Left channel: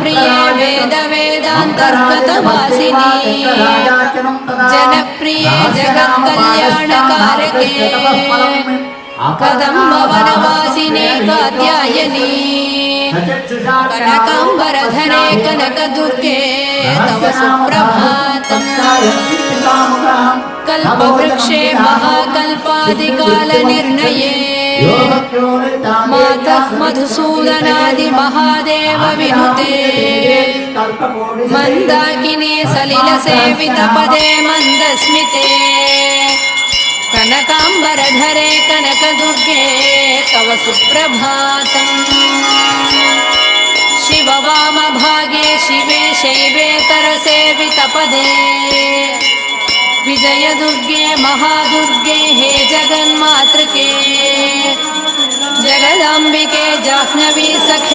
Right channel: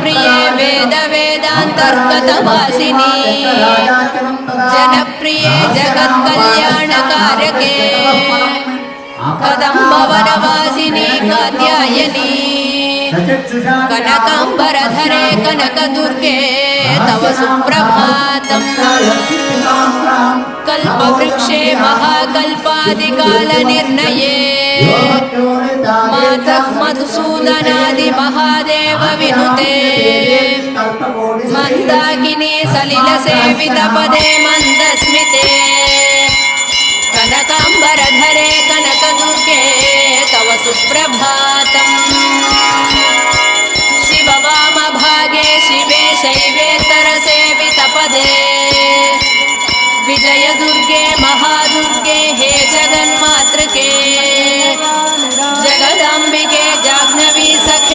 प्रिये वेद वेदान्तर्गतवासिनी जनप्रिये जगत्कल्याणकारके कदम्बवनवासिनी कात्यायनी कनकाम्बरधरे कनकदुर्गे तव सुप्रभातम् कल्पवृक्षे महाकल्पादिकालनिर्णये मातः मधुसूदनादि महादेव विनुते मन्दाकिनी सलिलसेवितपदे मन्दस्मिते कनकाम्बरधरे कनकदुर्गे तव सुप्रभातम् शिववामभागे शिवे शैवेतरसेवितपदे विजयदुर्गे महादुर्गे हे जगन्मातृके जगदाम्बिके जाह्नवी सखे